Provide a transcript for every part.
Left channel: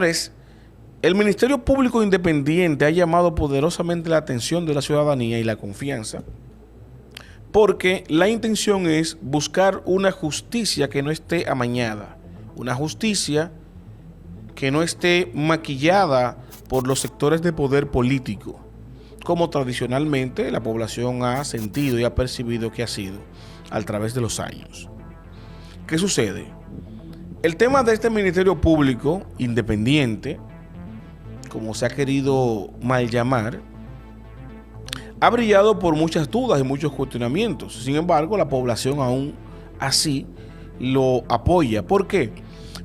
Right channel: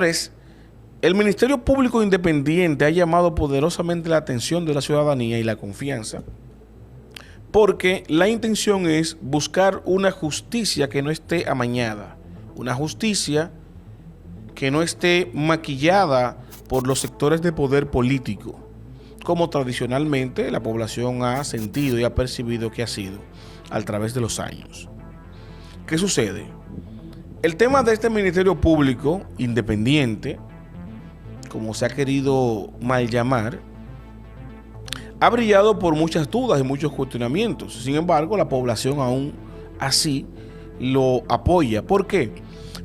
Señores, el Ministerio Público Independiente ha llamado poderosamente la atención de la ciudadanía y la confianza, porque la intención es buscar una justicia que no esté amañada, una justicia que no esté maquillada por los sectores de poder político, como tradicionalmente la población ha sentido y ha percibido que ha sido a través de los años. ¿Qué sucede? El tema de este Ministerio Público Independiente, como se ha querido mal llamar, ha brillado por muchas dudas y muchos cuestionamientos. Sin embargo, la población aún así lo apoya. ¿Por qué?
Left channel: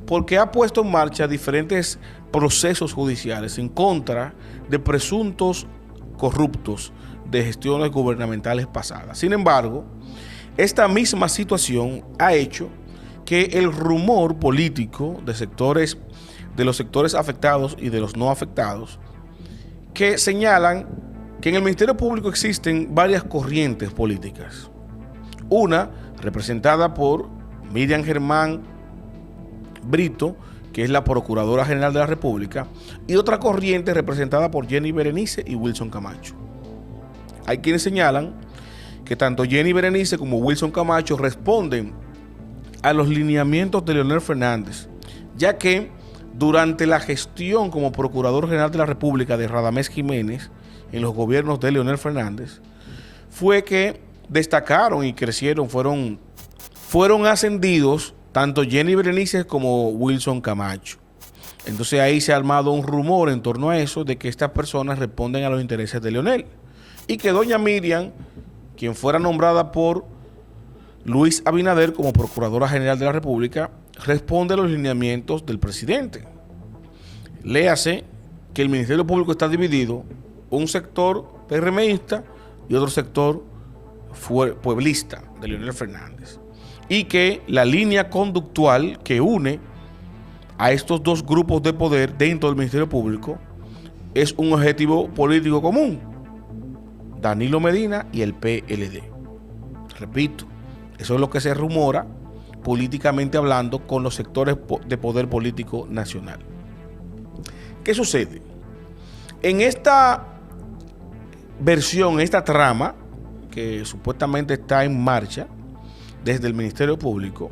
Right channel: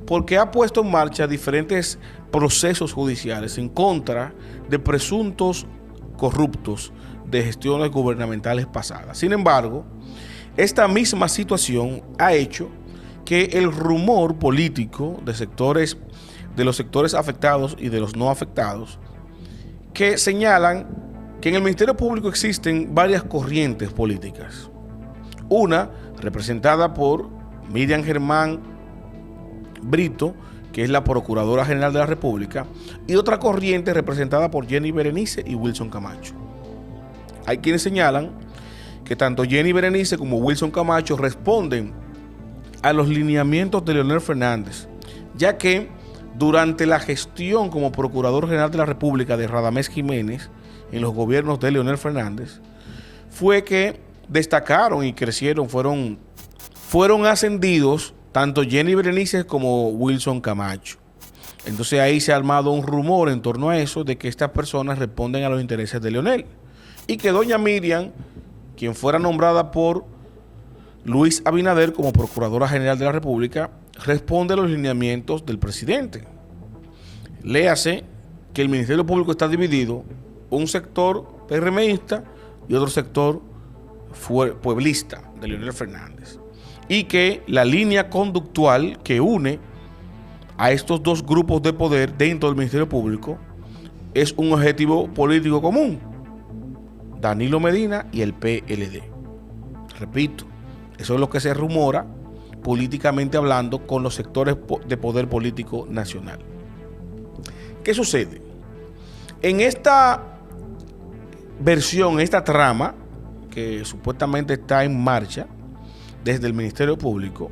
Porque ha puesto en marcha diferentes procesos judiciales en contra de presuntos corruptos de gestiones gubernamentales pasadas. Sin embargo, esta misma situación ha hecho que el rumor político de los sectores afectados y de los no afectados, que señalan que en el Ministerio Público existen varias corrientes políticas. Una representada por Miriam Germán Brito, que es la Procuradora General de la República, y otra corriente representada por Jenny Berenice y Wilson Camacho. Hay quienes señalan que tanto Jenny Berenice como Wilson Camacho responden a los lineamientos de Leonel Fernández, ya que durante la gestión como Procurador General de la República de Radamés Jiménez en los gobiernos de Leonel Fernández, fue que destacaron y crecieron, fueron ascendidos tanto Jenny Berenice como Wilson Camacho. Entonces ahí se ha armado un rumor en torno a eso, de que estas personas responden a los intereses de Leonel, y que doña Miriam, quien fuera nombrada por Luis Abinader como Procuradora General de la República, responde a los lineamientos del presidente. Léase que el Ministerio Público está dividido, un sector PRMista y otro sector pueblista de Leonel Fernández, y que la línea conductual que une a estos dos grupos de poder dentro del Ministerio Público es un objetivo político común: Danilo Medina y el PLD. Repito, eso es lo que se rumora políticamente hablando con los sectores de poder político nacional. ¿Qué sucede? En esta versión, esta trama que supuestamente está en marcha desde el Ministerio Público,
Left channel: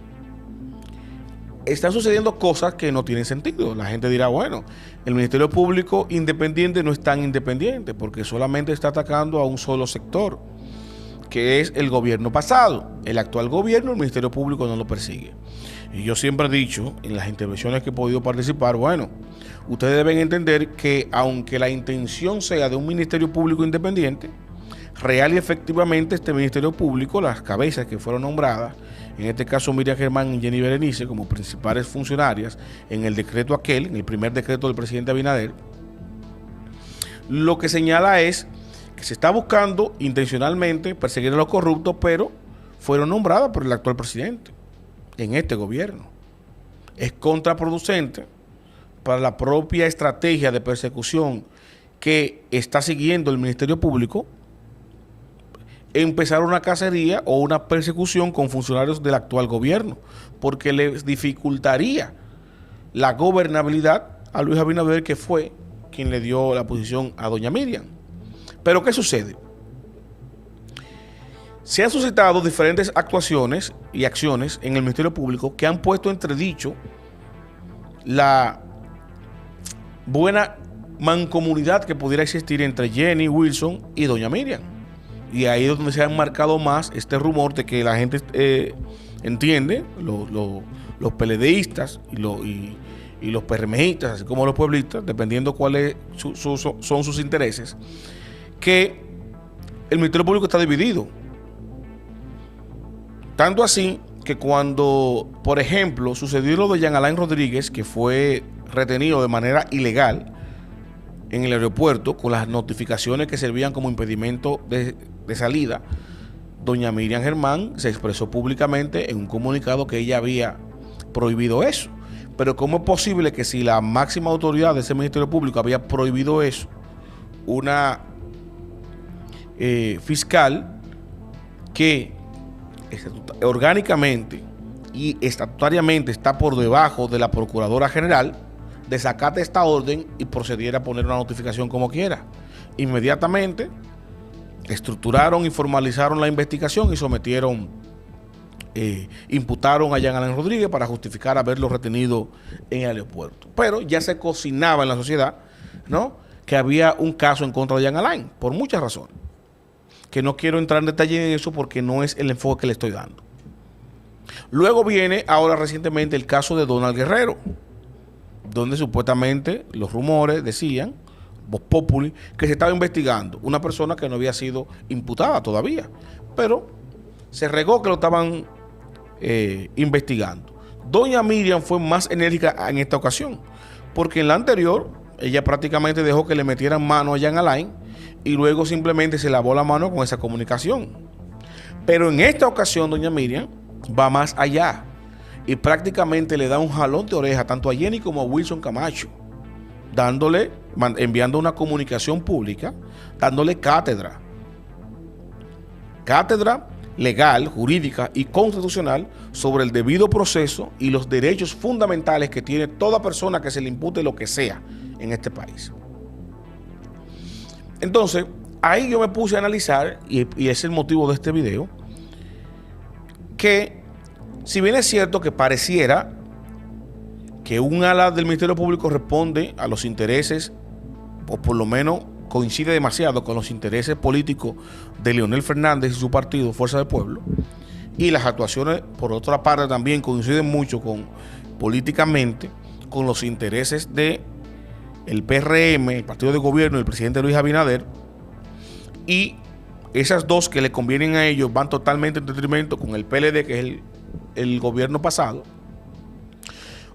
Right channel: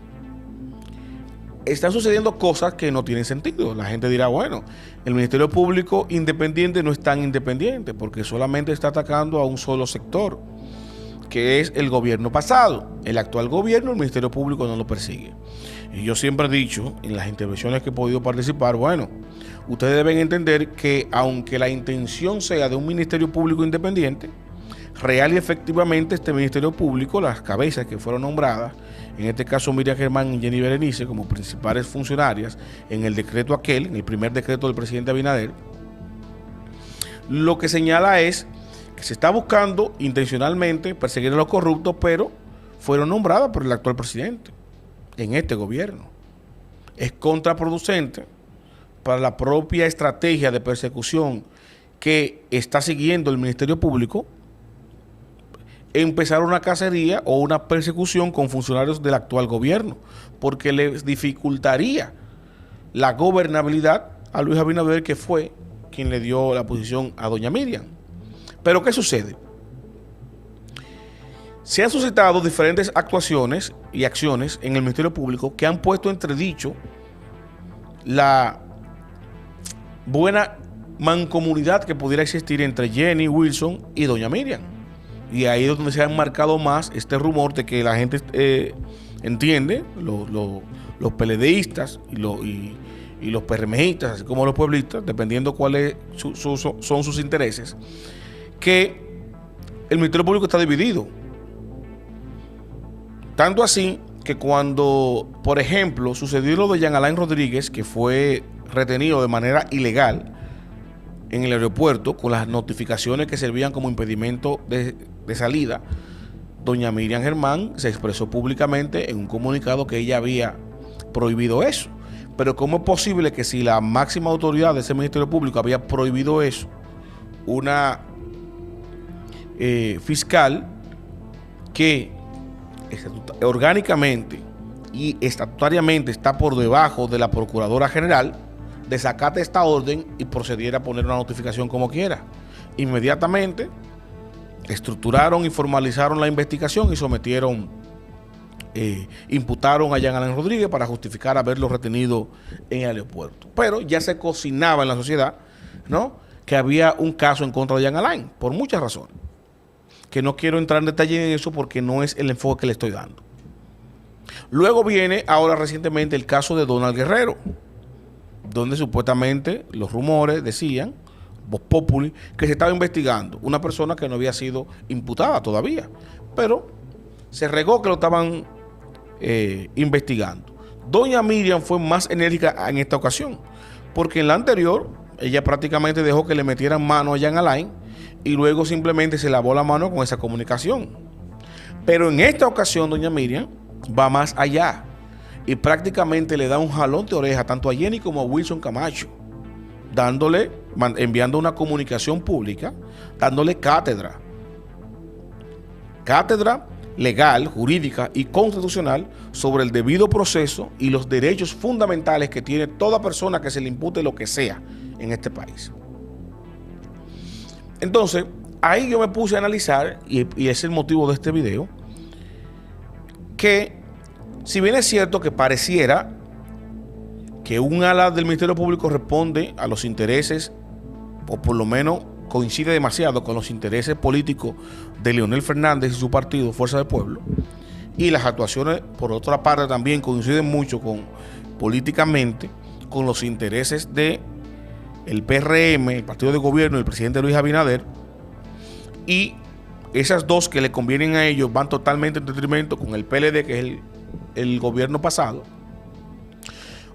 están sucediendo cosas que no tienen sentido. La gente dirá, bueno, el Ministerio Público Independiente no es tan independiente porque solamente está atacando a un solo sector, que es el gobierno pasado. El actual gobierno, el Ministerio Público no lo persigue. Y yo siempre he dicho en las intervenciones que he podido participar, bueno, ustedes deben entender que aunque la intención sea de un Ministerio Público Independiente, real y efectivamente este Ministerio Público, las cabezas que fueron nombradas, en este caso Miriam Germán y Jenny Berenice como principales funcionarias en el decreto aquel, en el primer decreto del presidente Abinader, lo que señala es que se está buscando intencionalmente perseguir a los corruptos, pero fueron nombradas por el actual presidente en este gobierno. Es contraproducente para la propia estrategia de persecución que está siguiendo el Ministerio Público empezar una cacería o una persecución con funcionarios del actual gobierno, porque les dificultaría la gobernabilidad a Luis Abinader, que fue quien le dio la posición a doña Miriam. Pero ¿qué sucede? Se han suscitado diferentes actuaciones y acciones en el Ministerio Público que han puesto entredicho la buena mancomunidad que pudiera existir entre Jenny, Wilson y doña Miriam. Y ahí es donde se ha marcado más este rumor de que la gente entiende, los PLDistas y los PRMistas, así como los pueblistas, dependiendo cuáles son sus intereses, que el Ministerio Público está dividido. Tanto así que cuando, por ejemplo, sucedió lo de Jean Alain Rodríguez, que fue retenido de manera ilegal en el aeropuerto con las notificaciones que servían como impedimento de salida, doña Miriam Germán se expresó públicamente en un comunicado que ella había prohibido eso. Pero ¿cómo es posible que, si la máxima autoridad de ese Ministerio Público había prohibido eso, una fiscal que orgánicamente y estatutariamente está por debajo de la Procuradora General desacate esta orden y procediera a poner una notificación como quiera. Inmediatamente estructuraron y formalizaron la investigación y imputaron a Jean Alain Rodríguez para justificar haberlo retenido en el aeropuerto. Pero ya se cocinaba en la sociedad, ¿no?, que había un caso en contra de Jean Alain, por muchas razones, que no quiero entrar en detalle en eso porque no es el enfoque que le estoy dando. Luego viene ahora recientemente el caso de Donald Guerrero, donde supuestamente los rumores decían, Voz Populi, que se estaba investigando una persona que no había sido imputada todavía, pero se regó que lo estaban investigando. Doña Miriam fue más enérgica en esta ocasión, porque en la anterior ella prácticamente dejó que le metieran mano a Jean Alain y luego simplemente se lavó la mano con esa comunicación. Pero en esta ocasión doña Miriam va más allá y prácticamente le da un jalón de oreja tanto a Jenny como a Wilson Camacho, enviando una comunicación pública, dándole cátedra legal, jurídica y constitucional sobre el debido proceso y los derechos fundamentales que tiene toda persona que se le impute lo que sea en este país. Entonces, ahí yo me puse a analizar, y es el motivo de este video, que si bien es cierto que pareciera que un ala del Ministerio Público responde a los intereses, o por lo menos coincide demasiado con los intereses políticos de Leonel Fernández y su partido Fuerza del Pueblo, y las actuaciones por otra parte también coinciden mucho políticamente con los intereses de el PRM, el partido de gobierno del presidente Luis Abinader, y esas dos que le convienen a ellos van totalmente en detrimento con el PLD, que es el gobierno pasado.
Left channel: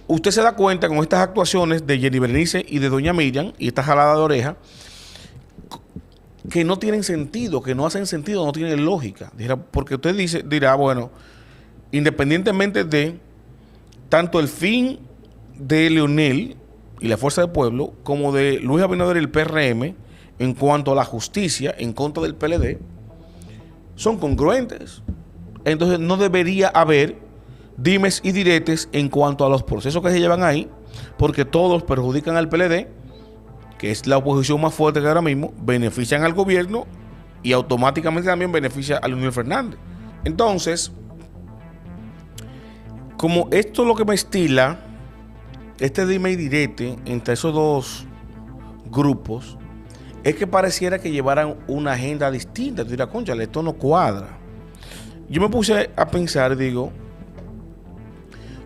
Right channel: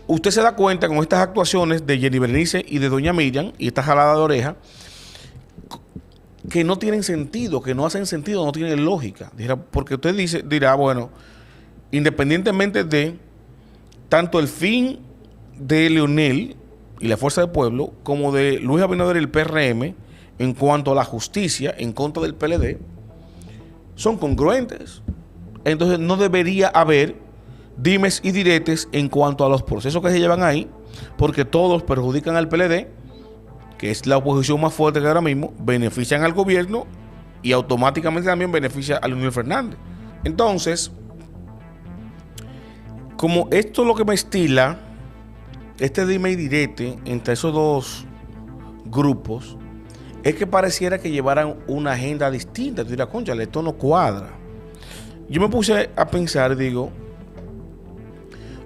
Usted se da cuenta con estas actuaciones de Jenny Berenice y de doña Miriam y esta jalada de oreja que no tienen sentido, que no hacen sentido, no tienen lógica. Porque usted dirá, bueno, independientemente de tanto el fin de Leonel y la Fuerza del Pueblo como de Luis Abinader y el PRM en cuanto a la justicia en contra del PLD, son congruentes. Entonces no debería haber dimes y diretes en cuanto a los procesos que se llevan ahí, porque todos perjudican al PLD, que es la oposición más fuerte que ahora mismo, benefician al gobierno y automáticamente también beneficia a Leonel Fernández. Entonces, como esto es lo que me estila, este dime y direte entre esos dos grupos, es que pareciera que llevaran una agenda distinta. Tú dirás, cónchale, esto no cuadra. Yo me puse a pensar, digo,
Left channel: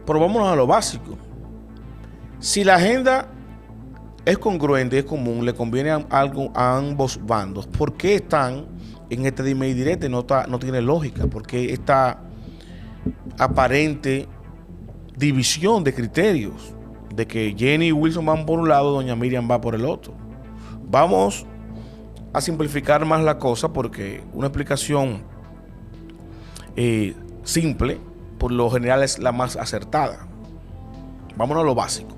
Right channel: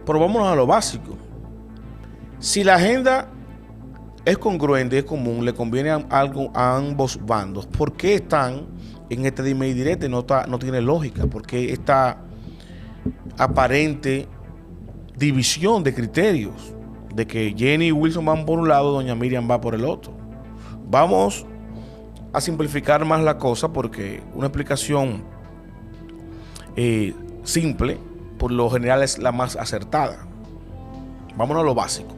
pero vámonos a lo básico. Si la agenda es congruente, es común, le conviene a ambos bandos, ¿por qué están en este dime y direte? No tiene lógica. ¿Por qué esta aparente división de criterios? De que Jenny y Wilson van por un lado, doña Miriam va por el otro. Vamos a simplificar más la cosa, porque una explicación simple por lo general es la más acertada. Vámonos a lo básico.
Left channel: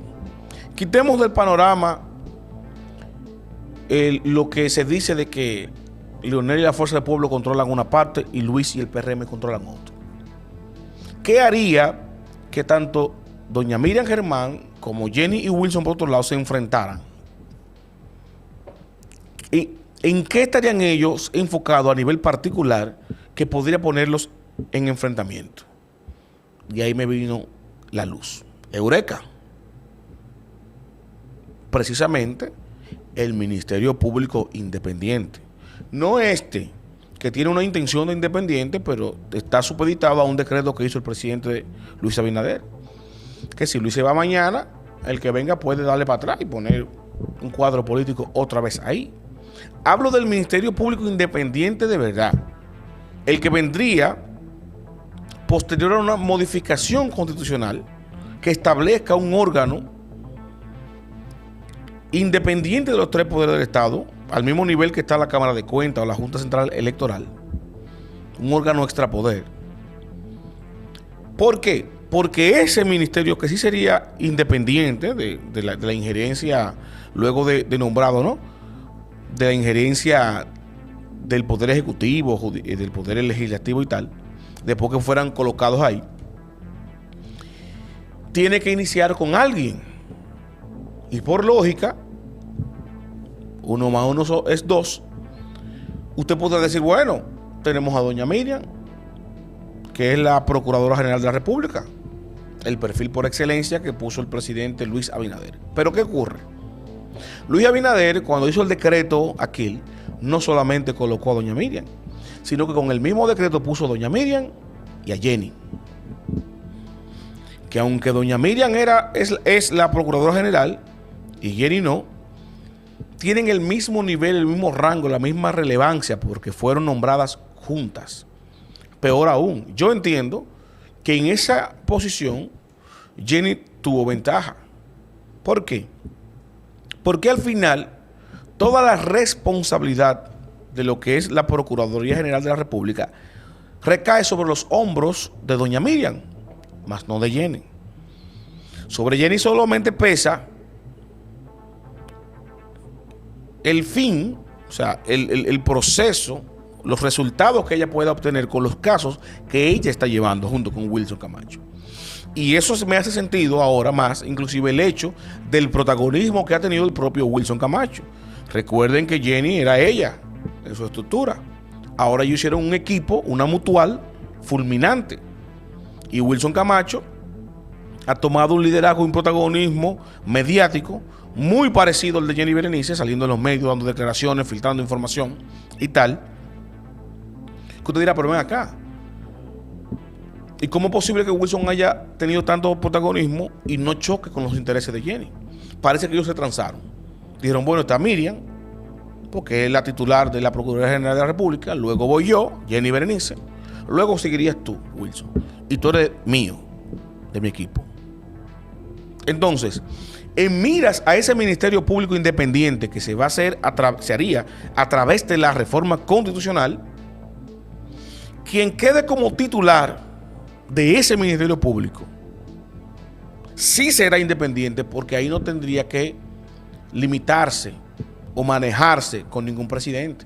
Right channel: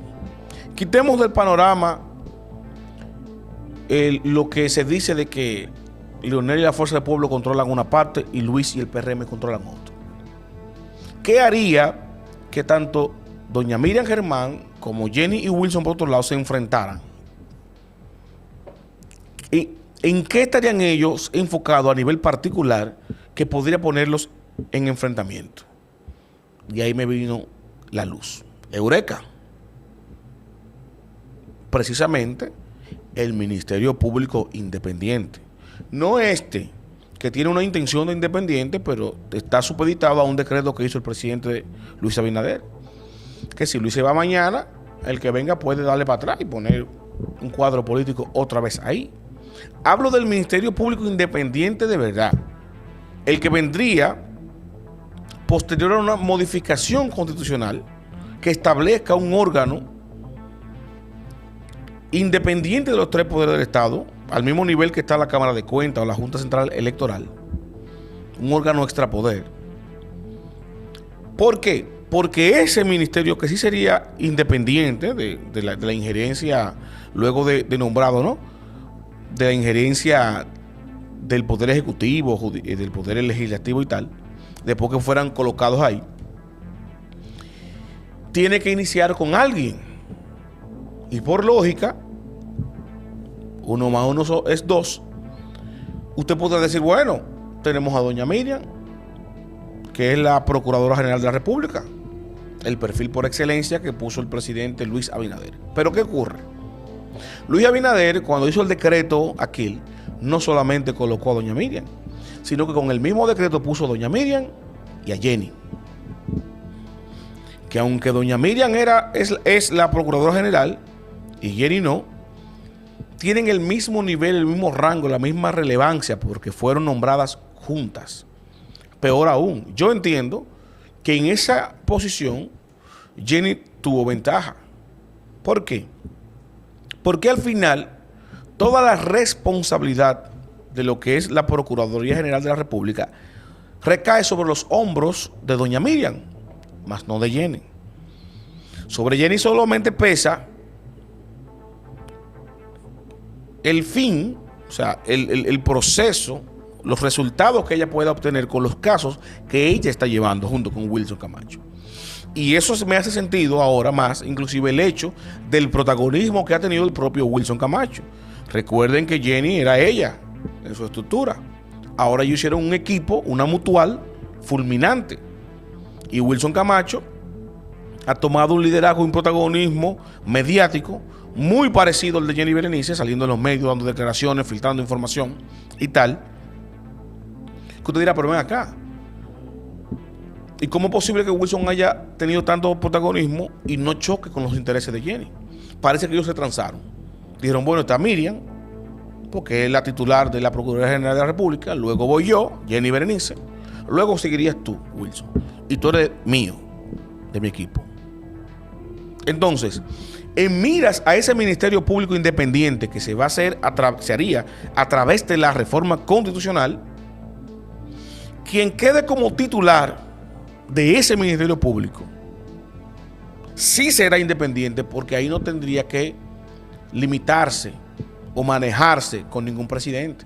Quitemos del panorama lo que se dice de que Leonel y la Fuerza del Pueblo controlan una parte y Luis y el PRM controlan otra. ¿Qué haría que tanto doña Miriam Germán como Jenny y Wilson por otro lado se enfrentaran? ¿Y en qué estarían ellos enfocados a nivel particular que podría ponerlos en enfrentamiento? Y ahí me vino la luz. Eureka. Precisamente el Ministerio Público Independiente. No este, que tiene una intención de independiente, pero está supeditado a un decreto que hizo el presidente Luis Abinader. Que si Luis se va mañana, el que venga puede darle para atrás y poner un cuadro político otra vez ahí. Hablo del Ministerio Público Independiente de verdad. El que vendría posterior a una modificación constitucional que establezca un órgano independiente de los tres poderes del Estado, al mismo nivel que está la Cámara de Cuentas o la Junta Central Electoral, un órgano extrapoder. ¿Por qué? Porque ese ministerio, que sí sería independiente de la injerencia, luego de nombrado, ¿no?, de la injerencia del Poder Ejecutivo, del Poder Legislativo y tal, después que fueran colocados ahí, tiene que iniciar con alguien. Y por lógica, 1 más 1 es 2. Usted podrá decir, bueno, tenemos a doña Miriam, que es la Procuradora General de la República, el perfil por excelencia que puso el presidente Luis Abinader. Pero ¿qué ocurre? Luis Abinader, cuando hizo el decreto aquel, no solamente colocó a doña Miriam, sino que con el mismo decreto puso a doña Miriam y a Jenny. Que aunque doña Miriam es la Procuradora General y Jenny no, tienen el mismo nivel, el mismo rango, la misma relevancia, porque fueron nombradas juntas. Peor aún, yo entiendo que en esa posición Jenny tuvo ventaja. ¿Por qué? Porque al final toda la responsabilidad de lo que es la Procuraduría General de la República recae sobre los hombros de doña Miriam, más no de Jenny. Sobre Jenny solamente pesa el fin, o sea, el proceso, los resultados que ella pueda obtener con los casos que ella está llevando junto con Wilson Camacho. Y eso me hace sentido ahora más, inclusive el hecho del protagonismo que ha tenido el propio Wilson Camacho. Recuerden que Jenny era ella, en su estructura. Ahora ellos hicieron un equipo, una mutual, fulminante. Y Wilson Camacho ha tomado un liderazgo y un protagonismo mediático muy parecido al de Jenny Berenice, saliendo en los medios, dando declaraciones, filtrando información y tal. Que usted dirá, pero ven acá. ¿Y cómo es posible que Wilson haya tenido tanto protagonismo y no choque con los intereses de Jenny? Parece que ellos se transaron. Dijeron, bueno, está Miriam, porque es la titular de la Procuraduría General de la República, luego voy yo, Jenny Berenice, luego seguirías tú, Wilson, y tú eres mío, de mi equipo. Entonces, en miras a ese Ministerio Público Independiente que se va a hacer, se haría a través de la reforma constitucional, quien quede como titular de ese Ministerio Público sí será independiente, porque ahí no tendría que limitarse o manejarse con ningún presidente,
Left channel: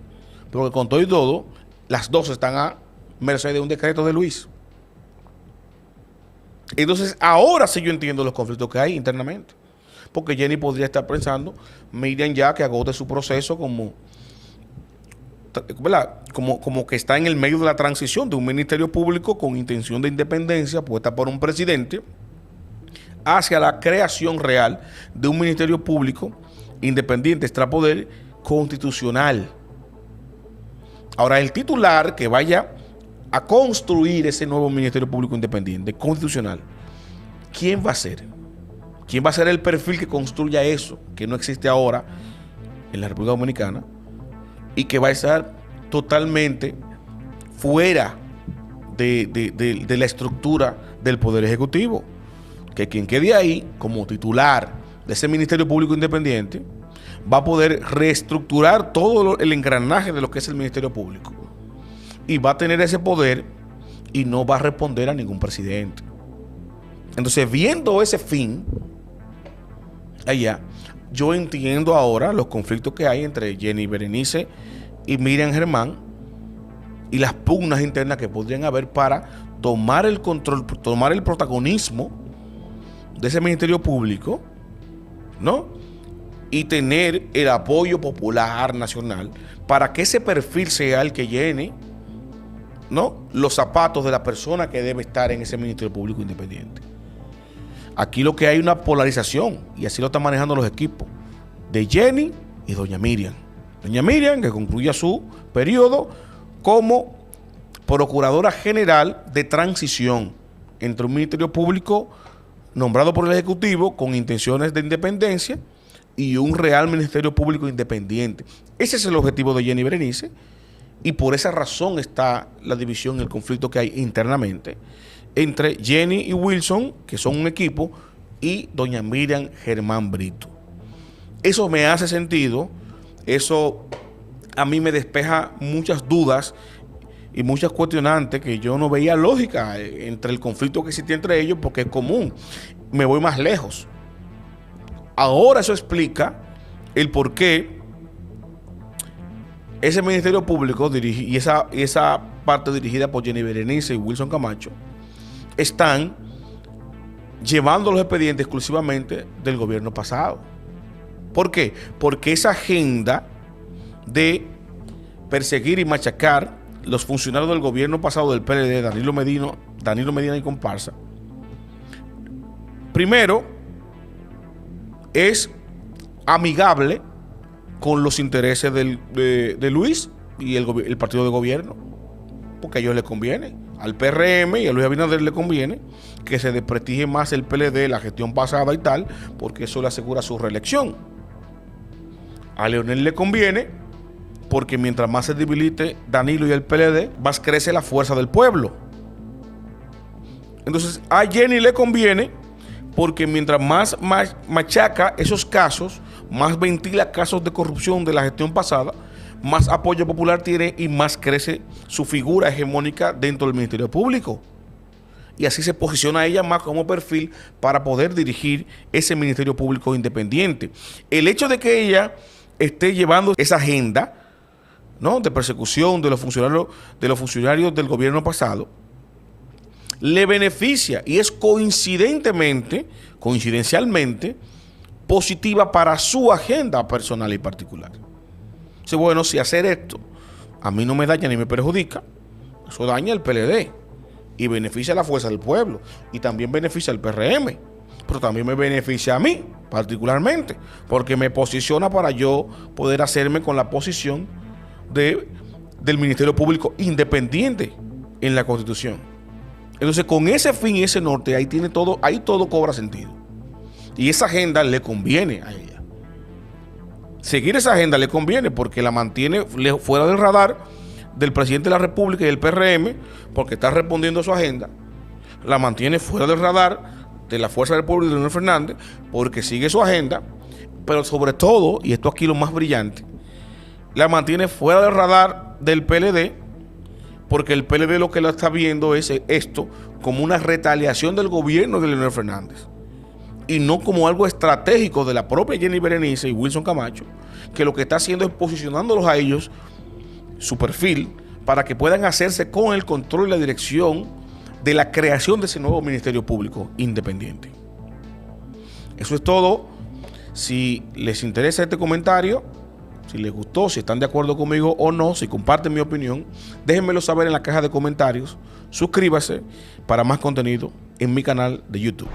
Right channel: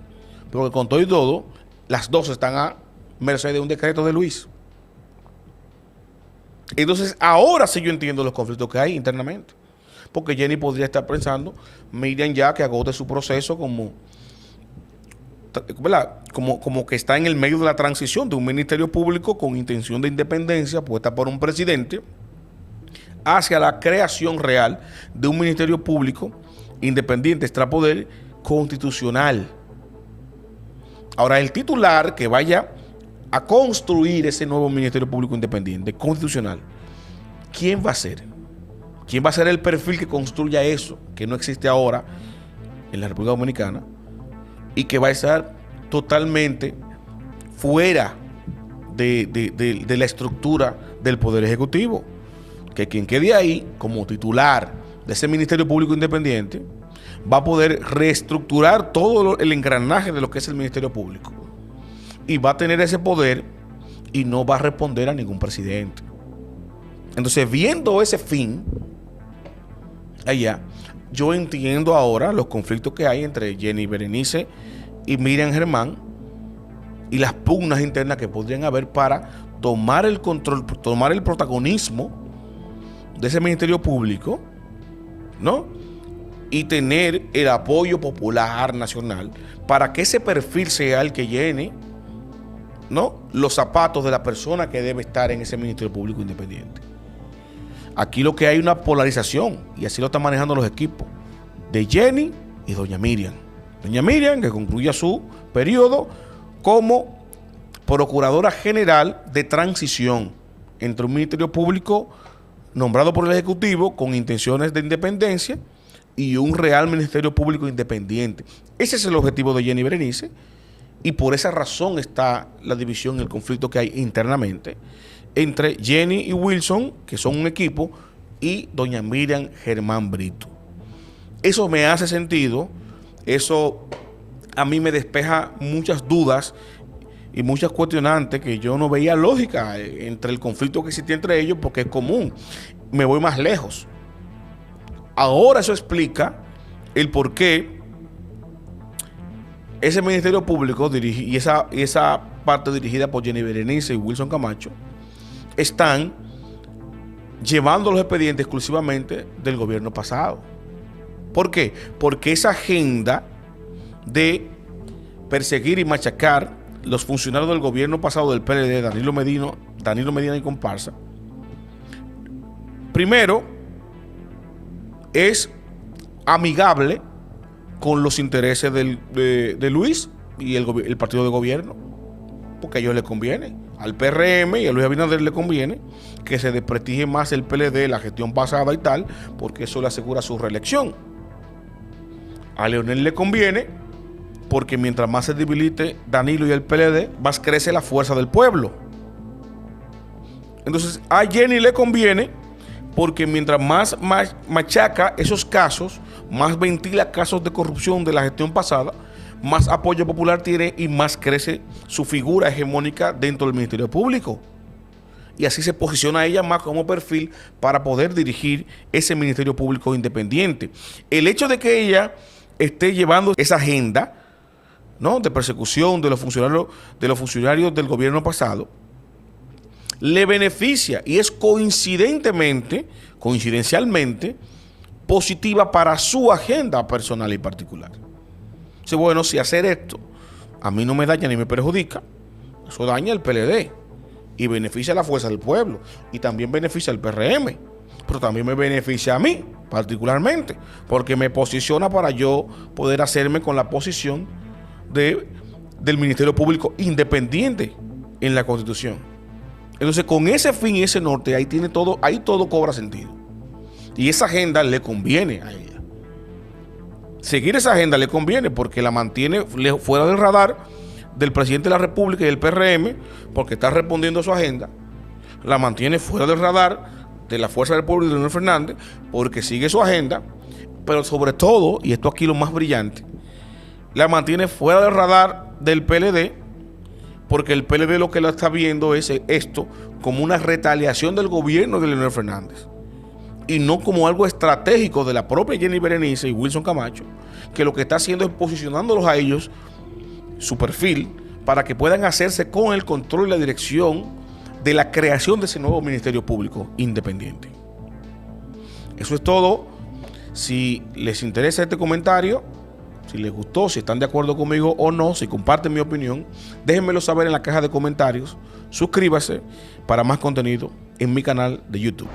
porque con todo y todo las dos están a merced de un decreto de Luis. Entonces ahora sí yo entiendo los conflictos que hay internamente, porque Jenny podría estar pensando, Miriam ya que agote su proceso como que está en el medio de la transición de un ministerio público con intención de independencia puesta por un presidente hacia la creación real de un ministerio público independiente, extrapoder constitucional. Ahora, el titular que vaya a construir ese nuevo ministerio público independiente constitucional, ¿quién va a ser? ¿Quién va a ser el perfil que construya eso, que no existe ahora en la República Dominicana, y que va a estar totalmente fuera de la estructura del Poder Ejecutivo? Que quien quede ahí como titular de ese Ministerio Público Independiente va a poder reestructurar todo el engranaje de lo que es el Ministerio Público, y va a tener ese poder y no va a responder a ningún presidente. Entonces, viendo ese fin allá, yo entiendo ahora los conflictos que hay entre Jenny Berenice y Miriam Germán y las pugnas internas que podrían haber para tomar el control, tomar el protagonismo de ese Ministerio Público, ¿no? Y tener el apoyo popular nacional para que ese perfil sea el que llene, ¿no?, los zapatos de la persona que debe estar en ese Ministerio Público Independiente. Aquí lo que hay es una polarización, y así lo están manejando los equipos de Jenny y doña Miriam. Doña Miriam, que concluya su periodo como Procuradora General de transición entre un Ministerio Público nombrado por el Ejecutivo con intenciones de independencia y un real Ministerio Público independiente. Ese es el objetivo de Jenny Berenice, y por esa razón está la división, el conflicto que hay internamente entre Jenny y Wilson, que son un equipo, y doña Miriam Germán Brito. Eso me hace sentido, eso a mí me despeja muchas dudas y muchas cuestionantes que yo no veía lógica entre el conflicto que existía entre ellos, porque es común. Me voy más lejos. Ahora eso explica el por qué ese Ministerio Público y esa parte dirigida por Jenny Berenice y Wilson Camacho están llevando los expedientes exclusivamente del gobierno pasado. ¿Por qué? Porque esa agenda de perseguir y machacar los funcionarios del gobierno pasado del PLD, Danilo Medina y comparsa, primero es amigable con los intereses de Luis y el partido de gobierno, porque a ellos les conviene, al PRM y a Luis Abinader le conviene que se desprestigie más el PLD, la gestión pasada y tal, porque eso le asegura su reelección. A Leonel le conviene porque mientras más se debilite Danilo y el PLD, más crece la fuerza del pueblo. Entonces a Jenny le conviene porque mientras más machaca esos casos, más ventila casos de corrupción de la gestión pasada, más apoyo popular tiene y más crece su figura hegemónica dentro del Ministerio Público. Y así se posiciona ella más como perfil para poder dirigir ese Ministerio Público independiente. El hecho de que ella esté llevando esa agenda, ¿no?, de persecución de los funcionarios del gobierno pasado, le beneficia y es coincidencialmente positiva para su agenda personal y particular. Dice, bueno, si hacer esto a mí no me daña ni me perjudica, eso daña al PLD y beneficia a la fuerza del pueblo y también beneficia al PRM, pero también me beneficia a mí particularmente, porque me posiciona para yo poder hacerme con la posición del Ministerio Público independiente en la Constitución. Entonces, con ese fin y ese norte, ahí todo cobra sentido. Y esa agenda le conviene a ella. Seguir esa agenda le conviene porque la mantiene fuera del radar del presidente de la República y del PRM, porque está respondiendo a su agenda. La mantiene fuera del radar de la Fuerza del Pueblo y de Leonel Fernández, porque sigue su agenda, pero sobre todo, y esto aquí lo más brillante, la mantiene fuera del radar del PLD, porque el PLD lo que lo está viendo es esto como una retaliación del gobierno de Leonel Fernández y no como algo estratégico de la propia Jenny Berenice y Wilson Camacho, que lo que está haciendo es posicionándolos a ellos, su perfil, para que puedan hacerse con el control y la dirección de la creación de ese nuevo Ministerio Público independiente. Eso es todo. Si les interesa este comentario, si les gustó, si están de acuerdo conmigo o no, si comparten mi opinión, déjenmelo saber en la caja de comentarios. Suscríbase para más contenido en mi canal de YouTube.